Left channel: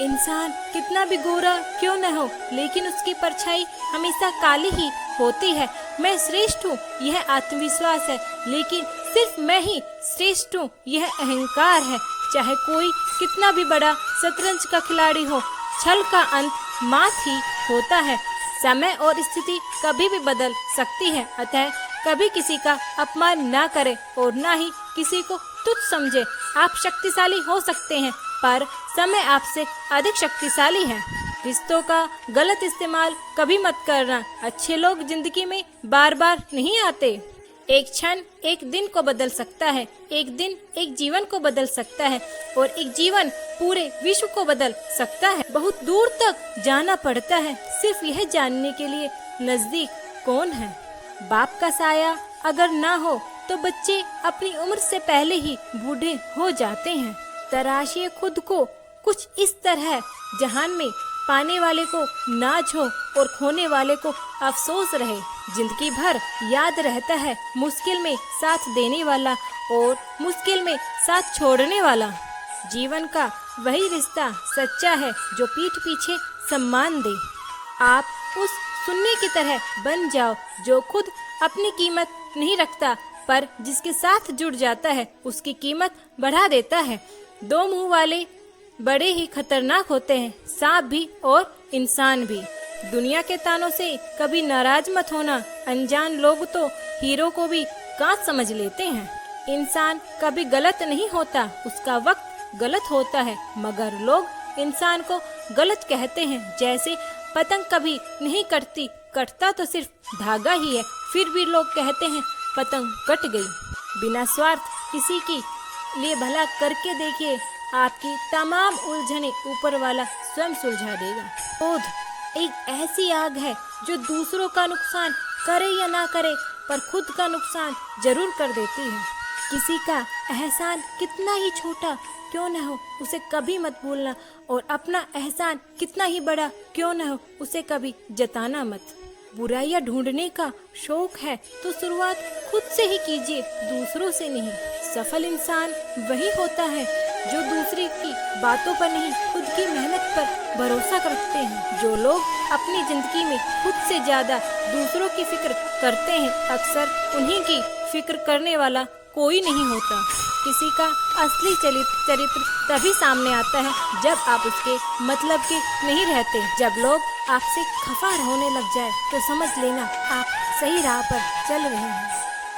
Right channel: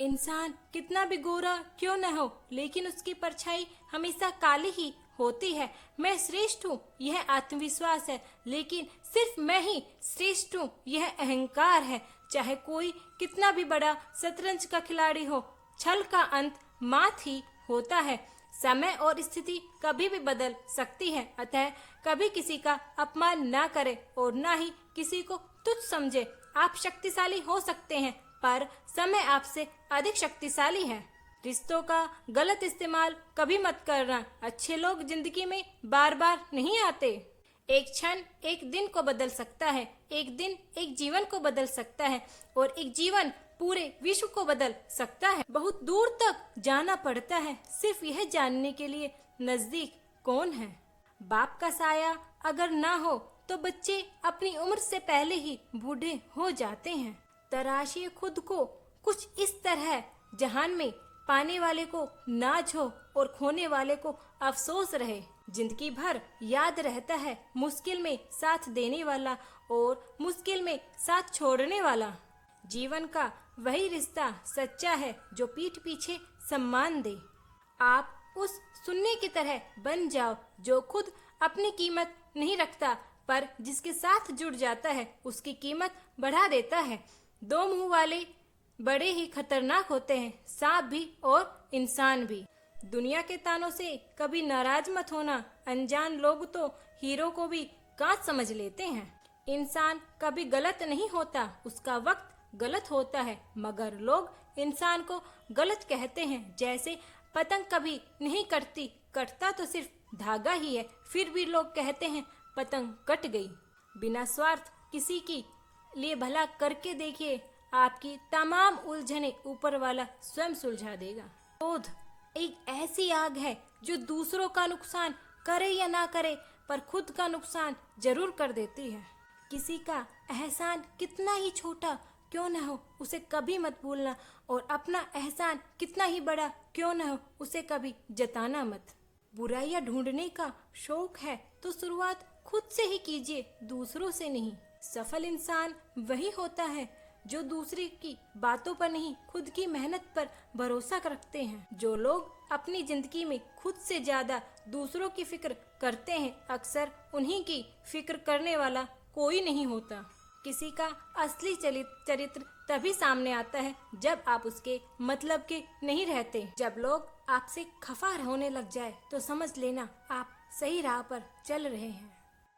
इंसान कितना भी गोरा क्यों न हो, लेकिन उसकी परछाई हमेशा काली ही होती है। मैं श्रेष्ठ हूँ, यह आत्मविश्वास है, लेकिन सिर्फ मैं ही श्रेष्ठ हूँ, यह अहंकार है। चाहे कोई कितना भी बड़ा शतरंज का खिलाड़ी हो, छल का अंत मात ही होता है। समय और स्थिति कभी भी बदल सकती है, अतः कभी किसी का अपमान ना करे और ना ही किसी को तुच्छ समझे। आप शक्तिशाली हो सकते हैं, पर समय आपसे अधिक शक्तिशाली है। रिश्तों का गलत इस्तेमाल कभी मत करना। अच्छे लोग जिंदगी में बार बार नहीं आते। एक क्षण एक दिन को बदल सकता है, एक दिन एक जीवन को बदल सकता है, और एक जीवन पूरे विश्व को बदल सकता है। बहुत दूर तक जाना पड़ता है सिर्फ यह जानने के लिए नजदीक कौन है। बाप का साया अगर ना हो तो बच्चे अपनी उम्र से पहले ही बूढ़े हो जाते हैं। तराशिए खुद को कुछ इस तरह जहान में पाने वाले को नाज हो और खोने वाले को अफसोस रहे। जिंदगी भर याद रहता है मुश्किल में साथ देने वाला और मुश्किल में साथ छोड़ने वाला। जीवन का वही रिश्ता सच्चा है जो पीठ पीछे सम्मान दे। आप उस सुनने की तरह बन जाओ जो खुद अपनी कीमत नहीं रखता, पर जिसके साथ जुड़ जाता है उसकी कीमत बढ़ा देता है। दो मुंह वाले बड़े ही खतरनाक होते हैं, सांप भी और इंसान भी। दुनिया के तानों से कभी नाराज मत होना। अनजान लोग तो हीरो को भी कांच समझ लेते हैं। इंसान कभी गलत नहीं होता, उसका वक्त गलत होता है, मगर लोग इंसान को गलत कहते हैं। जैसे पतंग कभी नहीं कटती, कटता तो सिर्फ धागा ही है, फिर भी लोग कहते हैं पतंग कट गई। बिना स्वार्थ किसी की लिए भला करके देखिए, आपकी तमाम उलझने ऊपर वाला स्वयं सुलझा देगा। क्रोध एक ऐसी आग है जो दूसरों का नुकसान करे या ना करे, पर खुद का नुकसान जरूर कर देती है। किसी का एहसान कितना ही छोटा क्यों न हो, उसे कभी मत भूलना, और अपना एहसान कितना ही बड़ा क्यों न हो, उसे कभी जताना मत। बुराइयां ढूंढने का शौक है तो शुरुआत खुद से ही कीजिए, दूसरों से नहीं। सफल इंसान वही होता है जो दूसरे की बातों पर नहीं, खुद की मेहनत पर भरोसा करते हैं। जो लोग अपनी जिंदगी में खुद से ज्यादा दूसरों की फिक्र करते हैं, अक्सर उन्हीं की फिक्र करने वाला कोई नहीं होता। किसी का असली चरित्र तभी सामने आता है जब आप उसके मतलब के नहीं रहते। जब लोग आपसे खफा होने लग जाए तो समझ लेना आप सही राह पर चल रहे हैं।